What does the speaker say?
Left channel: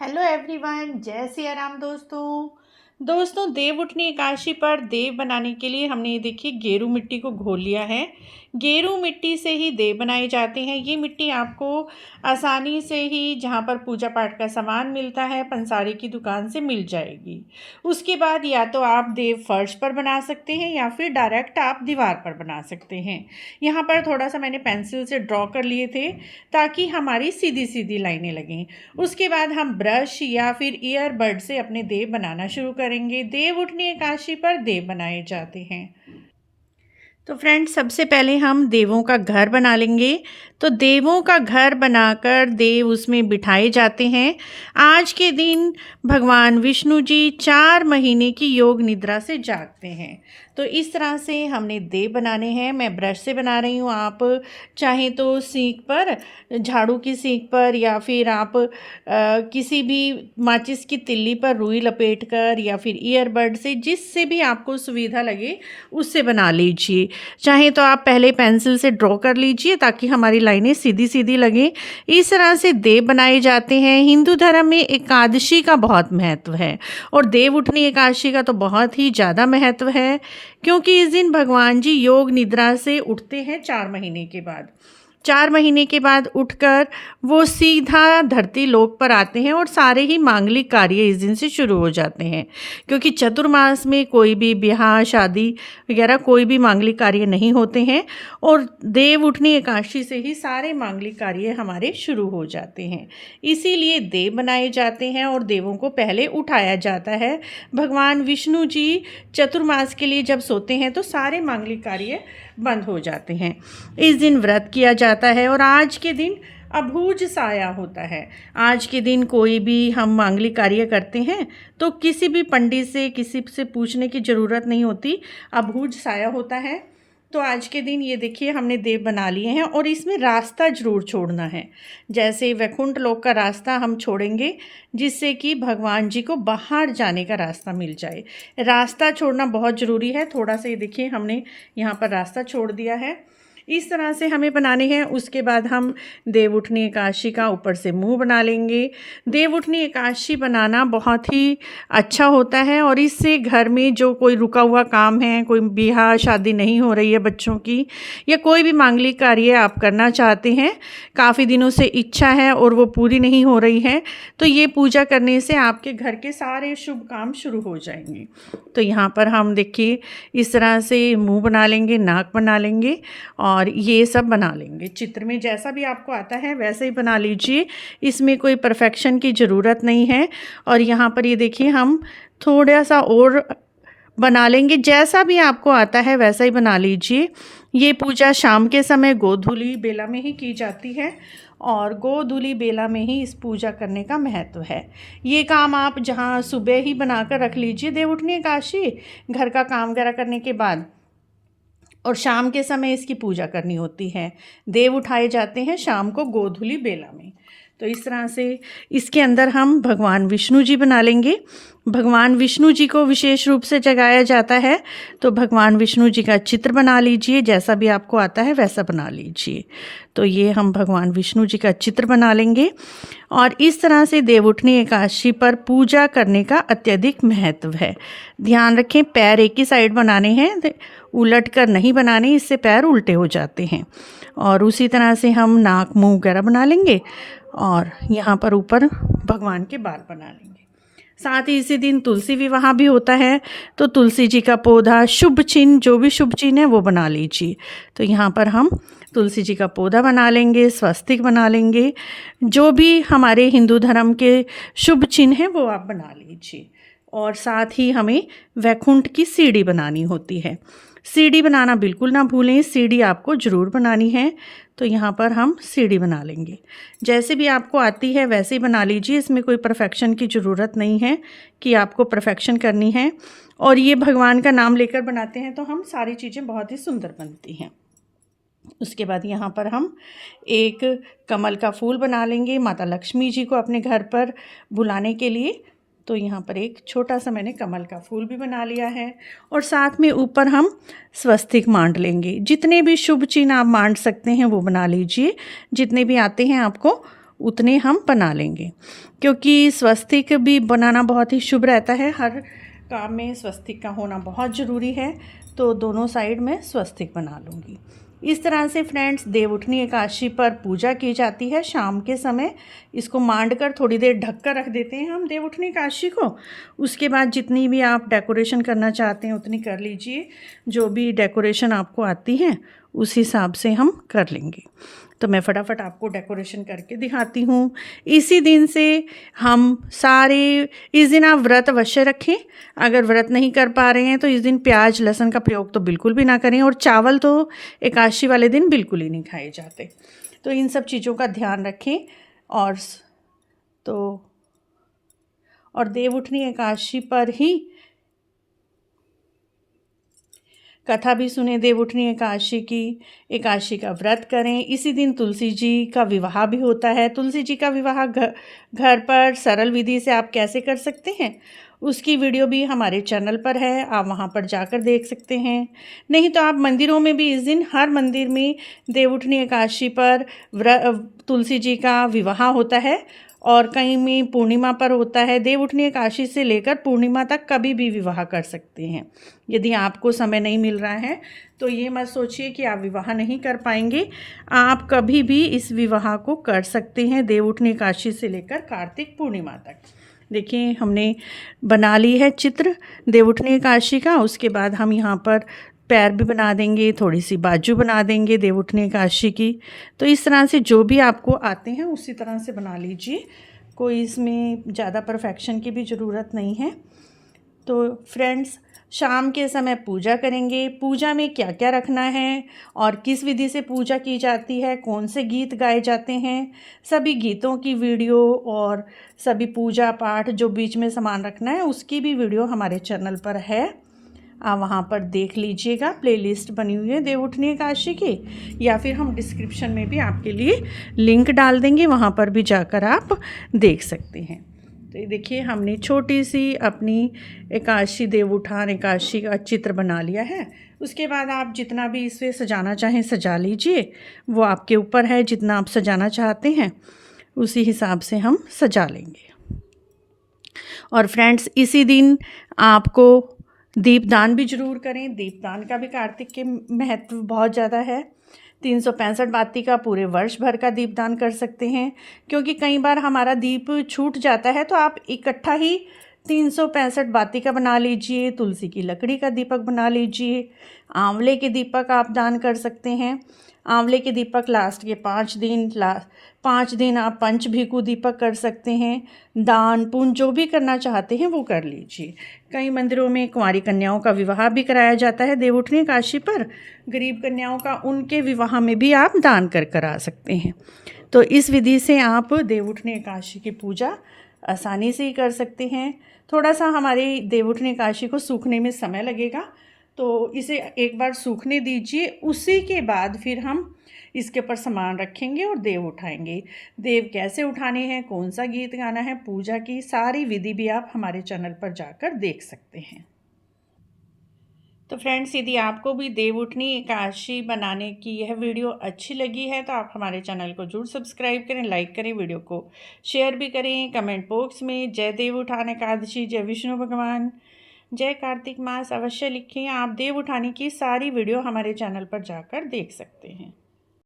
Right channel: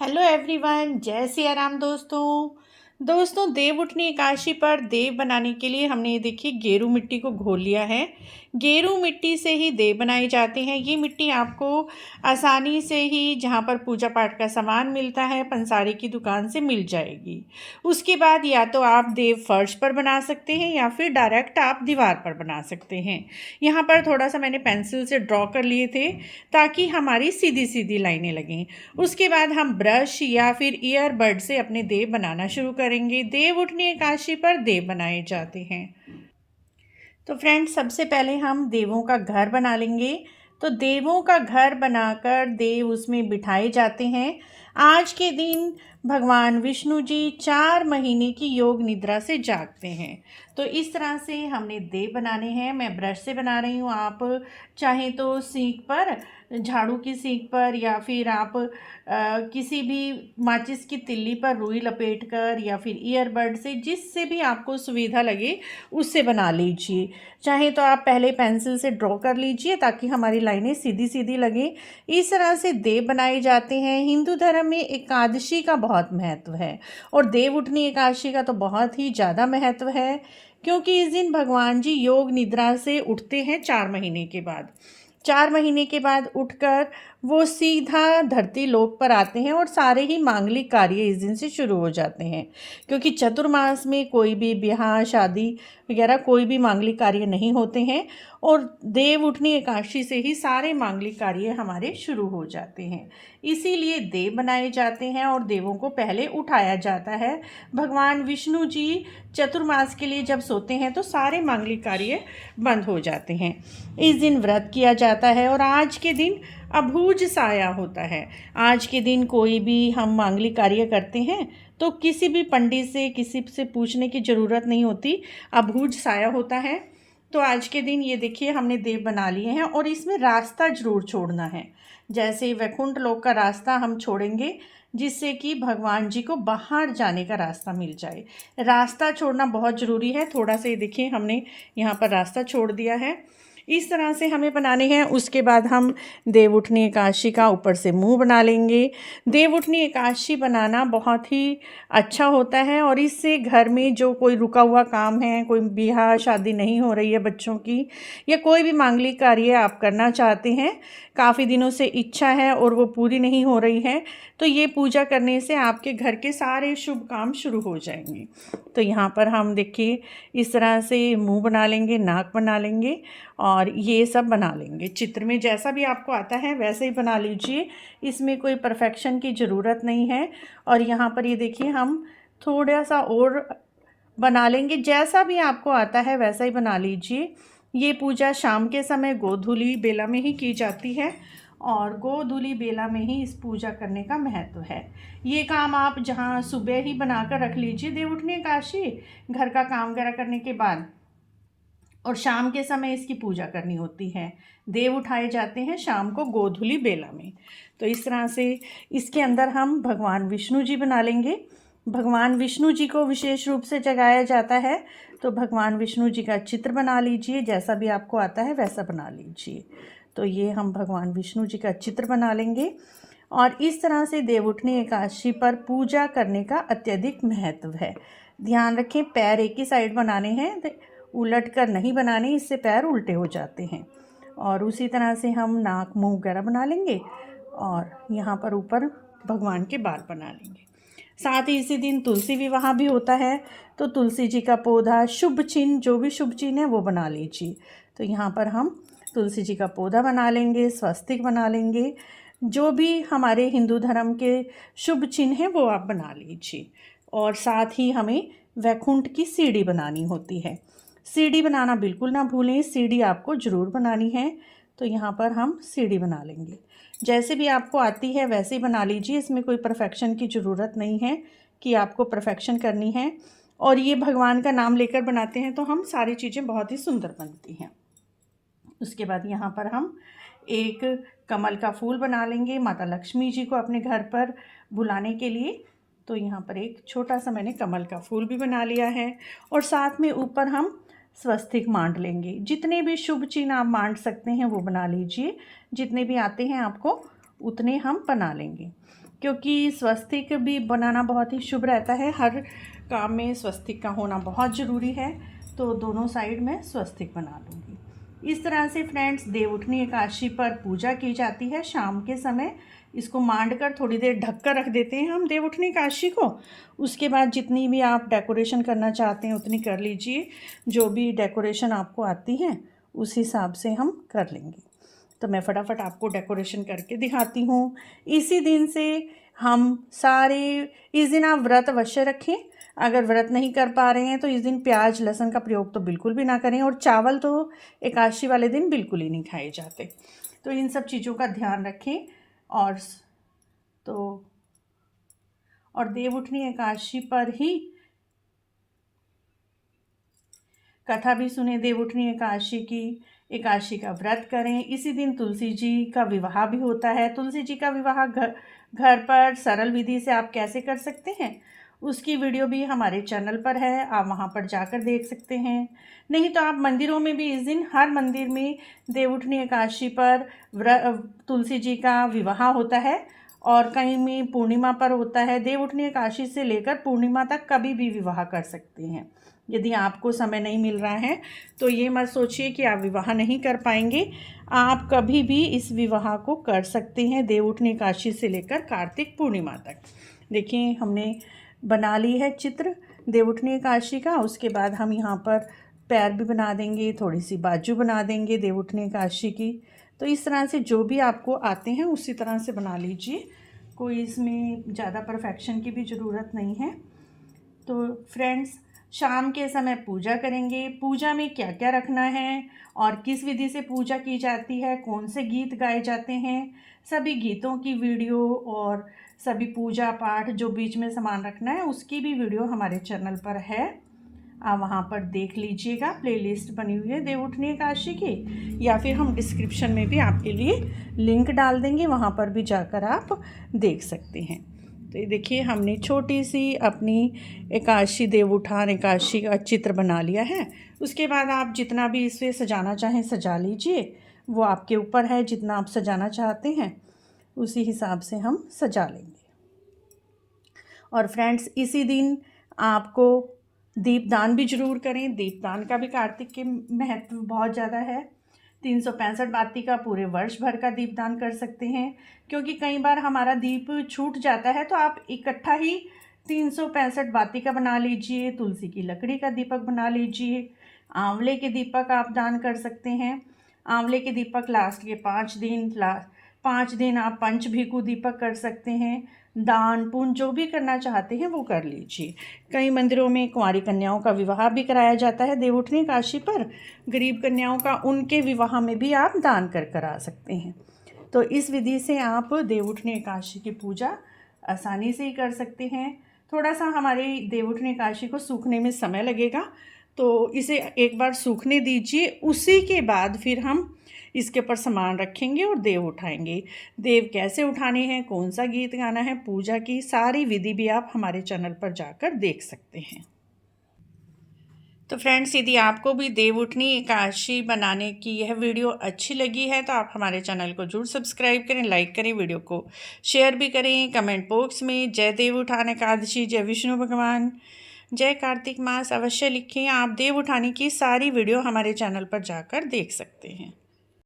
Hello everyone, जय सिया राम। दोस्तों देव उठनी एकादशी पर देव बनाने के लिए हमने ये देखिए गेरू मिट्टी को घोल लिया है। गेरू मिट्टी से ही देव बनाए जाते हैं। ये मिट्टी आपको आसानी से ही जहाँ पर पूजा पाठ का सामान मिलता है पंसारी की दुकान से मिल जाएगी। उसके बाद या तो आप देव फर्श पर बना सकते हैं या फिर डायरेक्ट आप दीवार पर बना सकते हैं। यहाँ पर थोड़ा सा मैंने पेंसिल से ड्रॉ कर लिए थे ताकि हमारी सीधी सीधी लाइनें लगें। उसके बाद हम ब्रश या फिर ईयरबड से अपने देव बनाना शुरू करेंगे। देव उठनी एकादशी पर देव बनाए जाते हैं। तो फ्रेंड्स, सबसे पहले हम देवों का घर बना लेंगे। तो देवों का घर बनाकर देव उसमें बिठाए जाते हैं। आज के दिन भगवान विष्णु जी 4 महीने की योग निद्रा से जागते हैं। तो इस तरह से हमने देव बनाने हैं। मैं ब्रश से बना रही हूँ। आप चाहें तो सीख पर, झाड़ू की सीख पर, या फिर आप किसी भी माचिस की तिल्ली पर रुई लपेट कर, या फिर ईयरबड से, जिससे भी आपको सुविधा लगे उससे बना लीजिए। चाहे तो आप पहले पेंसिल से ड्रॉ कर लीजिए ताकि हमारी लाइनें सीधी सीधी लगें। इस तरह से देव बनाए जाते हैं। हिंदू धर्म में एकादशी का बहुत महत्व है और देव उठनी एकादशी का तो बहुत ही ज़्यादा महत्व है, क्योंकि इस दिन भगवान जी योग निद्रा से उठते हैं 4 महीने के बाद। 4 महीने के बाद उठकर वो सीधा धरती लोक पर आते हैं और सारे ही मांगलिक कार्य इस दिन से शुरू हो जाते हैं, क्योंकि चतुर्मास में कोई भी ब्याह शादी वगैरह कोई भी मांगलिक कार्य नहीं होते हैं और देव उठनी एकादशी से ही सारे मांगलिक कार्य हमारे शुरू हो जाते हैं। इसीलिए देव बनाए जाते हैं और देवों को पहले उठाया जाता है। भगवान विष्णु जी चतुर्मास के लिए जब सोते हैं तो सारे मांगलिक कार्य बंद हो जाते हैं। इस दिन व्रत किया जाता है और आज के दिन अभूज साया होता है। आज के दिन कोई भी हम मांगलिक कार्य करते हैं तो किसी भी पंडित से, किसी से पूछने की ज़रूरत नहीं होती, अभूज साया होता है। तो आज के दिन ये देखिए हमने देव बना लिए हैं और इसमें रास्ता जरूर छोड़ना है। जैसे वैकुंठ लोक का रास्ता हम छोड़ेंगे, जिससे कि भगवान जी को बाहर जाने का रास्ता मिल जाए। रास्ता छोड़ना बहुत ज़रूरी है। थोड़ा सा ये देखिए हमने यहाँ पर रास्ता छोड़ दिया है। इस तरह से हमें बनाने हैं। उसके बाद हम देव उठनी एकादशी का ऊपर से मुंह बना लेंगे। देव उठनी एकादशी बनाना बहुत ही अच्छा होता है और इससे घर में जो कोई रुका हुआ काम है, कोई ब्याह शादी नहीं हो रही है बच्चों की, या कोई भी मांगलिक कार्य आप करना चाहते हैं, काफ़ी दिनों से इच्छा है और वो पूरी नहीं हो रही है, तो ये पूजा करने से आपके घर के सारे शुभ काम शुरू हो जाएंगे। तो यहाँ पर हम देखिए इस तरह से मुंह बना लेंगे, नाक बना लेंगे और ये सब बना लेंगे। चित्र में जैसा भी आपको आता है वैसे ही बना लीजिए, इसमें कोई परफेक्शन की ज़रूरत नहीं है। और यहाँ पर ये देखिए हम थोड़ा सा और बना लेंगे। जैसा भी आपको आता है वैसा ही बना लीजिए। ये पूजा शाम के समय गोधूली बेला में ही की जाती है और गोधूली बेला में ही इस पूजा करने का महत्व है। ये काम आप जहाँ सुबह ही बनाकर रख लीजिए देव उठनी एकादशी, घर का काम वगैरह करने के बाद, और शाम के समय इसकी पूजा करनी होती है। देव उठाए जाते हैं शाम को गोधूली बेला में। तो इस तरह से इसके अंदर हम भगवान विष्णु जी बना लेंगे। भगवान विष्णु जी को विशेष रूप से जगाया जाता है, तो भगवान विष्णु जी का चित्र बना लीजिए। जैसा भी आपको आता है वैसा बना लीजिए। तो ये हम भगवान विष्णु जी का चित्र बना लेंगे और इस तरह से देव उठनी एकादशी पर पूजा करने का अत्यधिक महत्व है। ध्यान रखें, पैर एक ही साइड बनाने हैं, उलट कर नहीं बनाने, इससे पैर उल्टे हो जाते हैं। और उसी तरह से हम नाक मुंह वगैरह बना लेंगे और यहाँ पर ऊपर भगवान के बाल बना लेंगे। साथ ही इसी दिन तुलसी विवाह भी होता है, तो तुलसी जी का पौधा, शुभ चिन्ह, जो भी शुभ चिन्ह है वो बना लीजिए। तो यहाँ पर हम तुलसी जी का पौधा बना लेंगे, स्वस्तिक बना लेंगे, जो भी हमारे हिंदू धर्म के शुभ चिन्ह हैं वो आप बना लीजिए। और साथ ही हमें वैकुंठ की सीढ़ी बनानी होती है। सीढ़ी बनाना बिल्कुल ना भूलें, सीढ़ी आपको ज़रूर बनानी है। तो यहाँ पर हम सीढ़ी बना लेंगे। जैसे भी आपको आती है वैसे ही बना लीजिए, इसमें कोई परफेक्शन की ज़रूरत नहीं है कि आपको परफेक्शन करनी है। और ये भगवान का नाम लेकर बनाते हैं तो हम सारी चीज़ें बहुत ही सुंदर बनती हैं। उसके बाद यहाँ पर हम एक कमल का फूल बना लेंगे माता लक्ष्मी जी को अपने घर पर बुलाने के लिए। तो यहाँ पर एक छोटा सा मैंने कमल का फूल भी बना लिया है और साथ में ऊपर हम स्वस्तिक मांड लेंगे। जितने भी शुभ चिन्ह आप मांड सकते हैं वो बना लीजिए, जितने भी आते हैं आपको उतने हम बना लेंगे, क्योंकि स्वस्तिक भी बनाना बहुत ही शुभ रहता है। हर काम में स्वस्तिक का होना बहुत ज़रूरी है, तो दोनों साइड में स्वस्तिक बना लूँगी। इस तरह से फ्रेंड्स देवउठनी एकादशी पर पूजा की जाती है शाम के समय। इसको मांड कर थोड़ी देर ढक कर रख देते हैं हम देवउठनी एकादशी को। उसके बाद जितनी भी आप डेकोरेशन करना चाहते हैं उतनी कर लीजिए। जो भी डेकोरेशन आपको आती है उस हिसाब से हम कर लेंगे। तो मैं फटाफट आपको डेकोरेशन करके दिखाती हूँ। इसी दिन से हम सारे, इस दिन आप व्रत अवश्य रखें। अगर व्रत नहीं कर पा रहे हैं तो इस दिन प्याज लहसुन का प्रयोग तो बिल्कुल भी ना करें, और चावल तो एकादशी वाले दिन बिल्कुल ही नहीं खाए जाते। तो इन सब चीज़ों का ध्यान रखें। और देवउठनी एकादशी पर ही कथा भी सुने देवउठनी एकादशी की, एकादशी का व्रत करें। इसी दिन तुलसी जी का विवाह भी होता है। तुलसी जी का विवाह घर पर सरल विधि से आप कैसे कर सकते हैं, उसकी वीडियो भी हमारे चैनल पर है, आप वहां पर जाकर देख सकते हैं। नहीं तो आप मंदिरों में भी इस दिन हर मंदिर में देवउठनी एकादशी पर तुलसी जी का विवाह होता है, और कहीं में पूर्णिमा पर होता है। देवउठनी एकादशी से लेकर पूर्णिमा तक कभी भी विवाह कर सकते हैं। यदि आपको समय नहीं मिल रहा है तो ये मत सोचिए कि आप विवाह नहीं कर पाएंगे, आप कभी भी इस विवाह को कर सकते हैं देवउठनी एकादशी से लेकर कार्तिक पूर्णिमा तक। देखिए हमने बना ली है चित्र देवउठनी एकादशी का। उसके बाद हम यहाँ पर पैर भी बना देंगे, थोड़ी सी बाजू बना देंगे देवउठनी एकादशी की। तो इस तरह से जो भी आपको आते हैं उसी तरह से बना लीजिए, कोई इसमें ज़्यादा परफेक्शन की भी ज़रूरत नहीं है। तो फ्रेंड्स शाम के समय पूजा करेंगे। पूजा में क्या क्या रखना है और किस विधि से पूजा की जाती है, कौन से गीत गाए जाते हैं, सभी गीतों की वीडियो और सभी पूजा पाठ जो बीच में सामान रखना है उसकी भी वीडियो हमारे चैनल पर है, आप वहाँ पर देख लीजिएगा। प्लेलिस्ट बनी हुई है देवउठनी एकादशी की, या फिर हम डिस्क्रिप्शन में भी आपके लिए लिंक डाल देंगे, वहाँ पर भी जाकर आप देख सकते हैं। तो ये देखिए हमने छोटी सी अपनी एकादशी देवउठान एकादशी का चित्र बना लिया है। उसके बाद आप जितना भी इसे सजाना चाहें सजा लीजिए, वो आपके ऊपर है, जितना आप सजाना चाहते हैं उसी हिसाब से हम सजा लेंगे। और फ्रेंड्स इसी दिन आपको दीपदान भी जरूर करें। दीपदान का भी कार्तिक के महत्व बहुत ज़्यादा है। 365 बाती का पूरे वर्ष भर का दीपदान कर सकते हैं, क्योंकि कई बार हमारा दीप छूट जाता है, तो आप इकट्ठा ही 365 बाती का बना लीजिए। तुलसी की लकड़ी का दीपक बना लीजिए। आंवले के दीपक आप दान कर सकते हैं। आंवले के दीपक लास्ट के 5 दिन आप पंचभीकु दीपक कर सकते हैं। दान पुण्य जो भी करना चाहते हैं वो कर लीजिए। कई मंदिरों में कुंवारी कन्याओं का विवाह भी कराया जाता है देवउठनी एकादशी पर। गरीब कन्याओं का उनके विवाह में भी आप दान कर करा सकते हैं। तो इस विधि से आप देवउठनी एकादशी की पूजा आसानी से ही कर सकते हैं। थोड़ा सा हमारी देवउठनी एकादशी को सूखने में समय लगेगा, तो इसे एक बार सूखने दीजिए। उसी के बाद फिर हम इसके ऊपर सामान रखेंगे और देव उठाएंगे। देव कैसे उठाने हैं, कौन सा गीत गाना है, पूजा की सारी विधि भी आप हमारे चैनल पर जाकर देख सकते हैं। तो फ्रेंड्स यदि आपको भी देवउठनी एकादशी बनाने की यह वीडियो अच्छी लगी है तो आप हमारे चैनल को जरूर सब्सक्राइब करें, लाइक करें, वीडियो को शेयर भी करें। कमेंट बॉक्स में जय देवउठान एकादशी, जय विष्णु भगवान, जय कार्तिक मास अवश्य लिखें। आप देव उठाने की सारी वीडियो हमारे चैनल पर जाकर देख सकते हैं।